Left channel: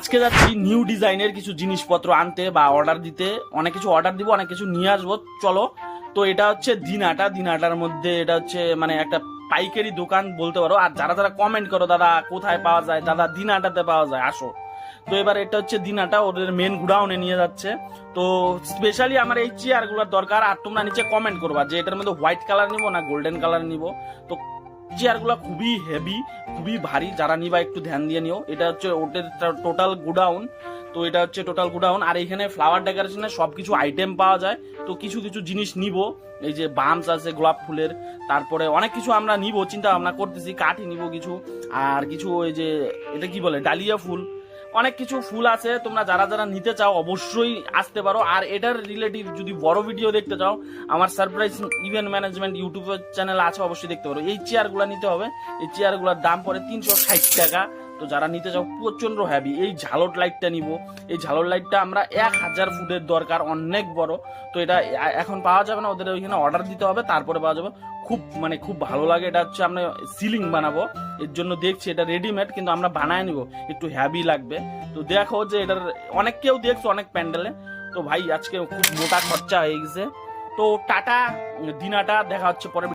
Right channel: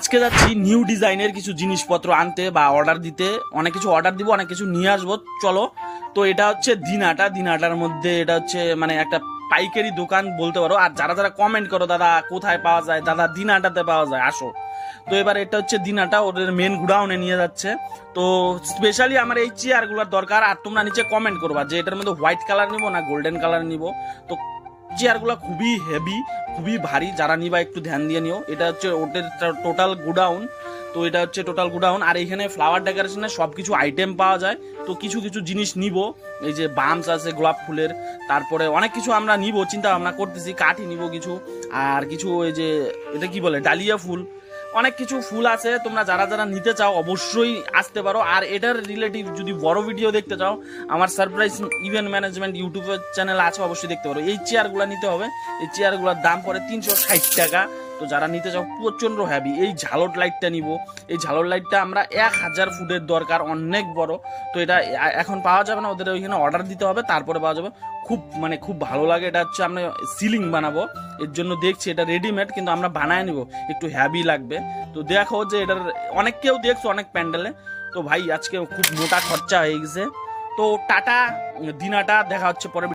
আজকে যাচ্ছি নিউ ডিজাইনের কিছু জিনিসপত্র আনতে বা অর্ডার দিতে। অনেক কিছু অর্ডার দিব, অনেক কিছু নিয়ে আসবো, চলো। তো এটা হচ্ছে দিনাটার মধ্যে এটা হচ্ছে মানে একটা পাইকারি দোকান বলতে পারো। আর যারা যারা কমেন্ট করো দাদা কোথায় পাওয়া যায়, দাদা দিনাটাতে পাওয়া যায়, আসো। তো এবার এটা হচ্ছে দিনাটা ওদের মেন গুডাউনে নিয়ে যাচ্ছে। তো স্পেশালি আমার এই চেয়ারগুলোর দরকার। আর তোমরা নিচে কমেন্ট করবা যে এটার মধ্যে হোয়াইট কালার নিবো না গোল্ডেন কালার নিবো। তো চেয়ারগুলো খুবই হেভি, খুবই ভারী, যারা নিবা একটু ধ্যান দিয়ে নিও। এটা হচ্ছে ওদের টোটাল গুডাউন। তো এটা হচ্ছে টোটাল গুডাউন। আর এখানে ফ্লাওয়ার ডেকোরেশনের সব কিছু আইটেম পাওয়া যায়। তো কিছু কিছু জিনিস নিব, এই যে বামস আছে গোলাপ ফুলের, তারপরে অনেক কিছু আমরা নিব, চিন্তা ভাবনা করতেছি। কাঠই নিব কিছু, আর কিছু ওই যে এটা কি বলে ডালিয়া ফুল, অনেক কিছু ফুল আছে। তোমরা যারা যারা নিতে চাও অবশ্যই আসতে পারো। আর এটার রিলেটিভ যদি বড় ভিডিও দেখতে চাও, আমার সারপ্রাইজ ইভেন্ট ম্যানেজমেন্ট ইউটিউবের চ্যানেল আছে, অবশ্যই দেখতে পারো। এই চেয়ারগুলো নিতে হবে, এই চেয়ারগুলোর দাম পড়ে 360 টাকা। তো যারা নিতে চাও প্রচন্ড হ্যাভি। এই ঝালর লাইটটা নিব, এই ঝালর লাইটটা আমরা 1000 ফুটের দরকার, অনেক বড়। তো এটা এখন পাওয়া যাবে না, ওদের ওইখানে অর্ডার দিতে হবে, তারপরে পাওয়া যাবে। খুব মানে খুব ভালো লাগে। এটা হচ্ছে আমরা সিলিং বানাবো, এর জন্য দেখছি এটা রেডিমেড, কিন্তু আমরা বানায় নিব, একটু হ্যাভি লাগবে। তো দেখো যে এটার অনেক কেউ দেখছো অনেক প্যান্ডেলে। তো ভাই আজকে খুব মোটা খরচা হয়ে গেছে। তো টাটা, দিনাটা দেখা হচ্ছে পরে।